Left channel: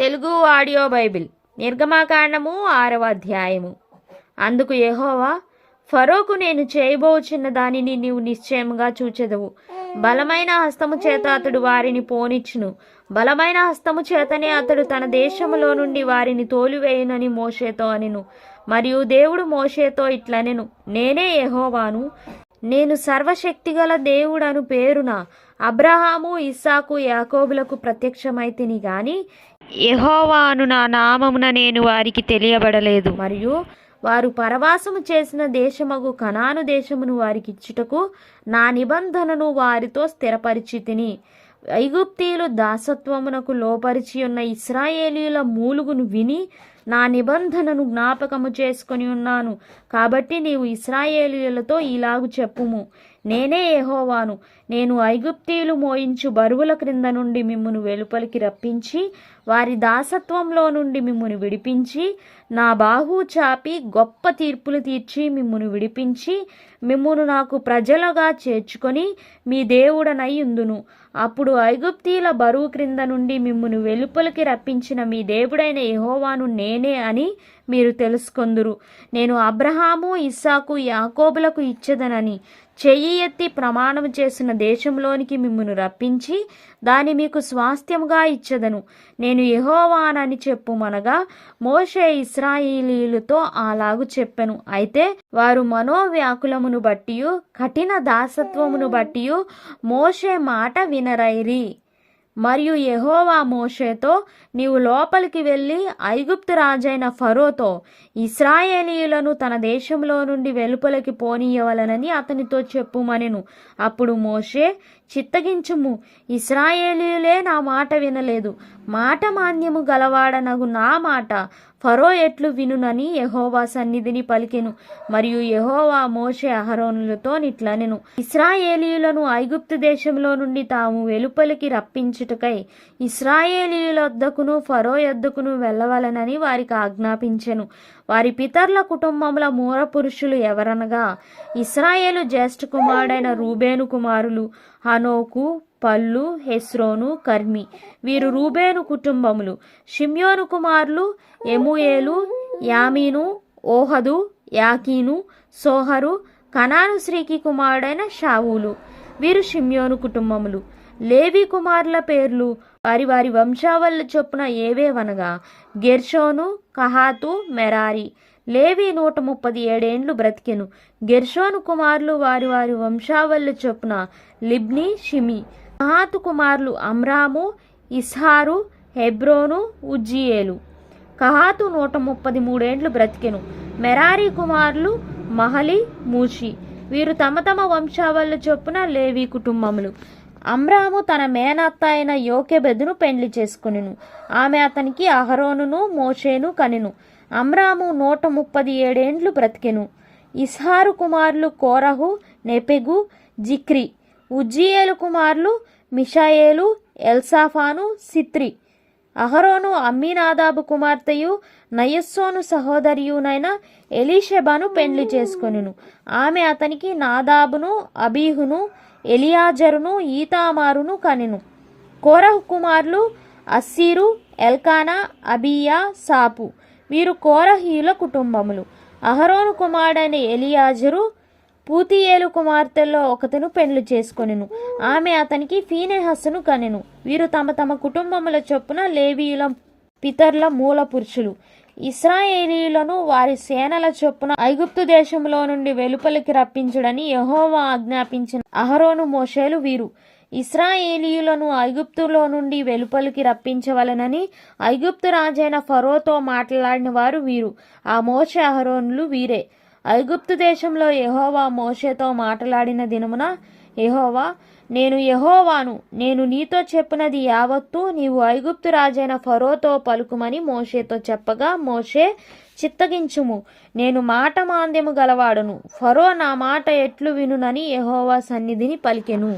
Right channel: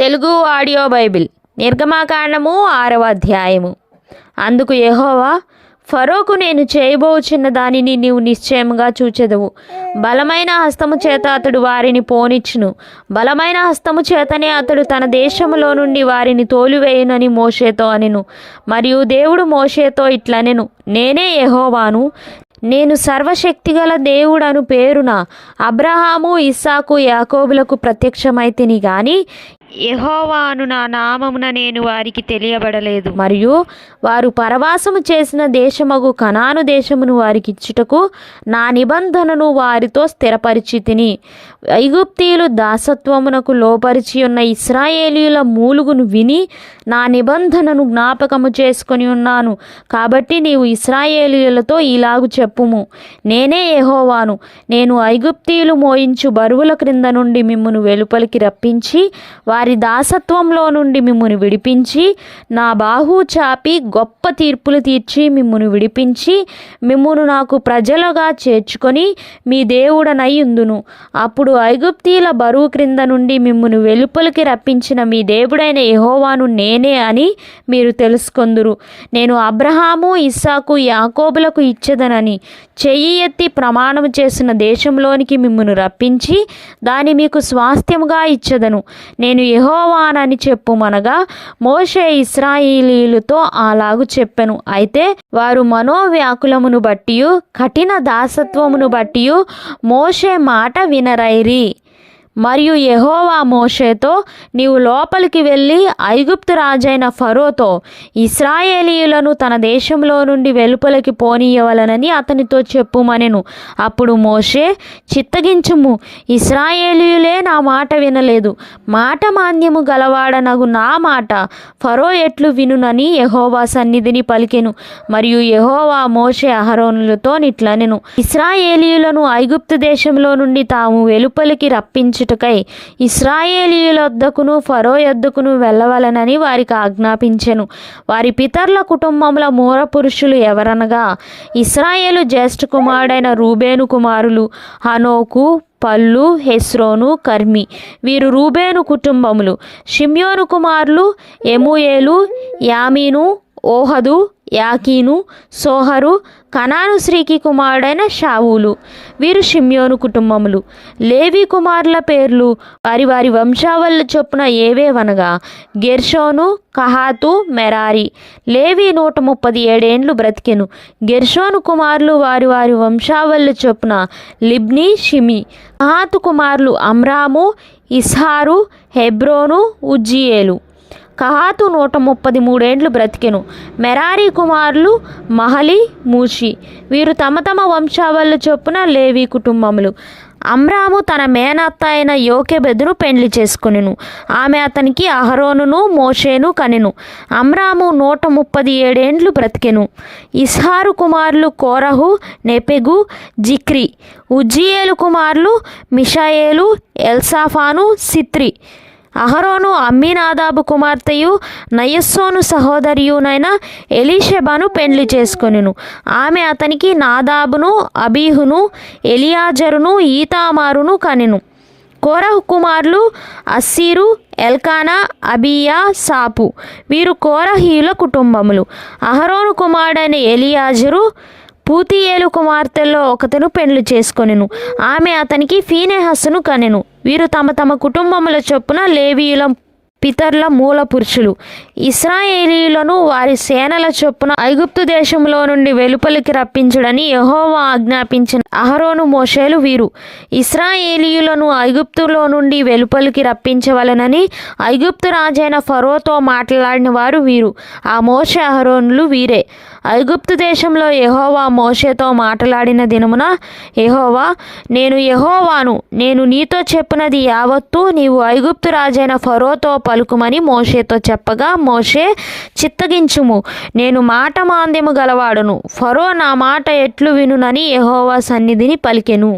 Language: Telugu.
తెలుగు ఆడియో బైబిల్ నిర్గమాకాండము 6వ అధ్యాయము. అందుకు యెహోవా, ఫరోకు నేను చేయబోచున్న దానిని నీవు నిశ్చయముగా చూచెదవు. బలమైన హస్తము చేత అతడు వారిని పోనిచ్చును. బలమైన హస్తము చేతనే అతడు తన దేశములో నుండి వారిని తోలివేయునని మోషేతో అనెను. మరియు దేవుడు మోషేతో ఇట్లనెను, నేనే యెహోవాను. నేను సర్వశక్తిగల దేవుడను పేరున అబ్రహాము, ఇస్సాకు, యాకోబులకు ప్రత్యక్షమైతిని గాని యెహోవా అను నా నామమున నేను వారికి తెలియబడలేదు. మరియు వారు పరవాసము చేసిన దేశమగు కనాను దేశమును వారికి ఇచ్చుటకు నా నిబంధనను వారితో స్థిరపరిచితిని. ఐగుప్తీయులు దాసత్వమునకు లోపరిచి ఉన్న ఇశ్రాయేలీయుల మూలుగును విని నా నిబంధనను జ్ఞాపకము చేసుకొని ఉన్నాను. కాబట్టి నీవు ఇశ్రాయేలీయులతో ఇలాగు చెప్పుము, నేనే యెహోవాను. నేను ఐగుప్తీయులు మోయించు బరువుల క్రింద నుండి మిమ్మును వెలుపలికి రప్పించి వారి దాసత్వంలో నుండి మిమ్మును విడిపించి నా బాహు చాపి గొప్ప తీర్పులు తీర్చి మిమ్మును విడిపించి మిమ్మును నాకు ప్రజలుగా చేర్చుకొని మీ దేవుడనయ్యుందును. అప్పుడు ఐగుప్తీయుల బరువు క్రింద నుండి మిమ్మును వెలుపలికి రప్పించిన మీ దేవుడైన యెహోవాను నేనే అని మీరు తెలుసుకొందురు. నేను అబ్రహాము, ఇస్సాకు, యాకోబులకు ఇచ్చేదనని చెయ్యి ఎత్తి ప్రమాణము చేసిన దేశంలోనికి మిమ్మును రప్పించి దాని మీకు స్వాస్థ్యముగా ఇచ్చేదను. నేను యెహోవానని చెప్పుమనగా మోషే ఇశ్రాయేలీయులతో అలాగు చెప్పెను. అయితే వారు మనోవ్యాకులమును బట్టియు కఠిన దాసత్వమును బట్టియు మోషే మాట వినరైరి. మరియు యెహోవా మోషేతో, నీవు లోపలికి వెళ్ళి ఐగుప్తు రాజైన ఫరోతో ఇశ్రాయేలీయులను తన దేశంలో నుండి వెలుపలికి పోనీయవలనని అతనితో చెప్పుమనెను. అప్పుడు మోషే, చిత్తగించుము, ఇశ్రాయేలీయులే నా మాట వినలేదు. మాట మాన్యము గలవాడనగు నా మాట ఫరో ఎట్లు వినునని యెహోవా సన్నిధిని పలికెను. మరియు యెహోవా మోషే అహరోనులతో నిట్లనెను, ఇశ్రాయేలీయులను ఐగుప్తు దేశంలో నుండి తాము వెలుపలికి రప్పించు ఇశ్రాయేలీయుల యొద్దకును ఫరో యొద్దకును వెళ్ళవలనని వారికి ఆజ్ఞాపించెను. వారి పితరుల కుటుంబముల మూల పురుషులు ఎవరనగా ఇశ్రాయేలు జ్యేష్ఠ కుమారుడైన రూబేను కుమారులు హనోకు, పల్లు, హెస్రోను, కర్మి. వీరు రూబేను కుటుంబములు. షిమ్యోను కుమారులు ఎమూయేలు, యామీను, ఓహదు, యాకీను, సోహరు, కనాను స్త్రీకి కుమారుడైన షావులు. వీరు షిమ్యోను కుటుంబములు. లేవి కుమారుల పేర్లు వారి వారి వంశావళి చొప్పున ఏవేవనగా గెర్షోను, కహాతు, మెరారి. లేవి 137 ఏండ్లు బ్రతికెను. గెర్షోను కుమారులు వారి వారి వంశావళి చొప్పున లిబ్ని, షిమి. కహాతు కుమారులు అమ్రాము, ఇస్హారు, హెబ్రోను, ఉజ్జియేలు. కహాతు 133 ఏండ్లు బ్రతికెను. మెరారి కుమారులు మహలి, మూషి. వీరు తమ తమ వంశావళి చొప్పున లేవి కుటుంబములు. అమ్రాము తన మేనత్త అయిన యోకెబెదును పెండ్లి చేసుకొనెను. ఆమె అతనికి అహరోనును మోషేను కనెను. అమ్రాము 137 ఏండ్లు బ్రతికెను. ఇస్హారు కుమారులు కోరహు, నెపెగు, జిక్రి. ఉజ్జియేలు కుమారులు మిషాయేలు, ఎల్సాఫాను, సిత్రి. అహరోను అమ్మీనాదాబు కుమార్తెయు నయస్సోను సహోదరియునైన ఎలీషెబను పెండ్లి చేసుకొనెను. ఆమె అతనికి నాదాబును, అబీహును, ఎలియాజరును, ఈతామారును కనెను. కోరహు కుమారులు అస్సీరు, ఎల్కానా, అబీయా, సాపు. వీరు కోరహీయుల కుటుంబములు. అహరోను కుమారుడైన ఎలియాజరు పూతియేలు కుమార్తెల్లో ఒకతను పెండ్లి చేసుకొనెను. ఆమె అతనికి ఫీనెహసును కనెను. వీరు తమ తమ కుటుంబముల చొప్పున లేవీయుల పితరుల మూల పురుషులు. ఇశ్రాయేలీయులను వారి సేనల చొప్పున ఐగుప్తు దేశంలో నుండి వెలుపలికి రప్పించుడని యెహోవా ఆజ్ఞాపించిన అహరోను, మోషేలు వీరు. ఇశ్రాయేలీయులను ఐగుప్తులో నుండి వెలుపలికి రప్పించవలనని ఐగుప్తు రాజైన ఫరోతో మాట్లాడిన వారు వీరు. ఆ మోషే అహరోనులు వీరే. ఐగుప్తు దేశంలో యెహోవా మోషేతో మాట్లాడిన దినమున యెహోవా, నేను యెహోవాను, నేను నీతో చెప్పినది యావత్తు నీవు ఐగుప్తు రాజైన ఫరోతో పలుకుమని మోషేతో చెప్పగా మోషే, చిత్తగించుము, నేను మాట మాంద్యము గలవాడును. ఫరో నా మాట ఎట్లు వినునని యెహోవా సన్నిధిని పలికెను.